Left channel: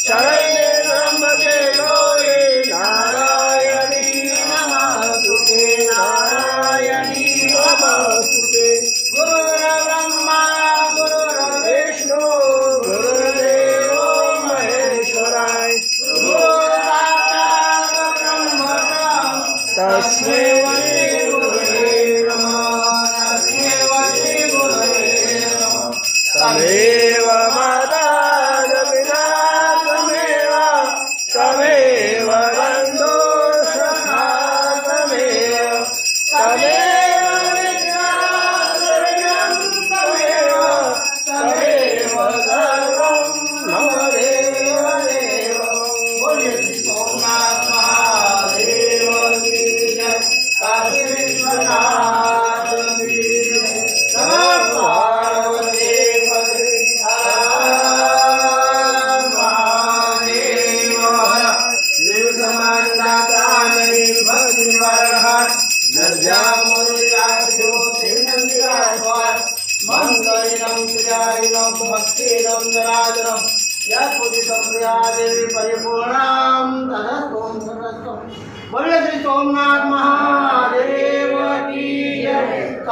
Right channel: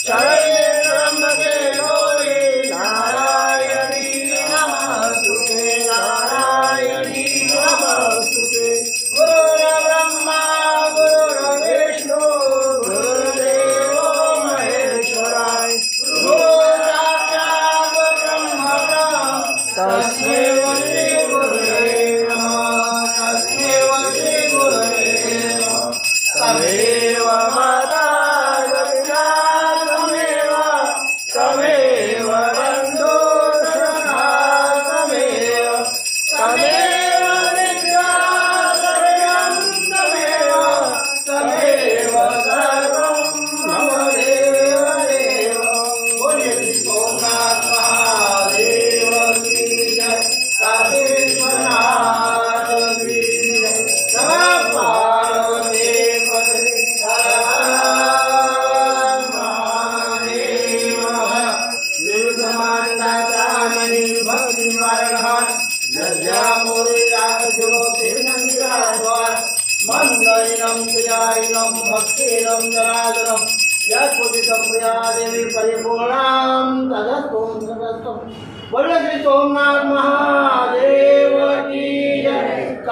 शरण्ये त्र्यंबके गौरी नारायणी नमस्तुते नारायणी नमस्तुते। गुरुर्ब्रह्मा गुरुर्विष्णु गुरुर्देवो महेश्वराय गुरुर्साक्षात् परब्रह्म तस्मै श्री गुरवे नमः तस्मै श्री गुरवे नमः। तमेव माता तमेव बन्धो सखा तमेव विद्याधरं तमेव सर्वं मम देवदेव। बोलिए सोमनाथ महादेव की जय, काशी विश्वनाथ की जय। नमः पार्वती पते मंगलम श्रीयायिनं भक्तिरं जनार्दनं यत्पुदितं प्रिया देवी परिपूर्णां तदस्तु सर्वस्तु। बोलिए श्री सोमनाथ महादेव की जय।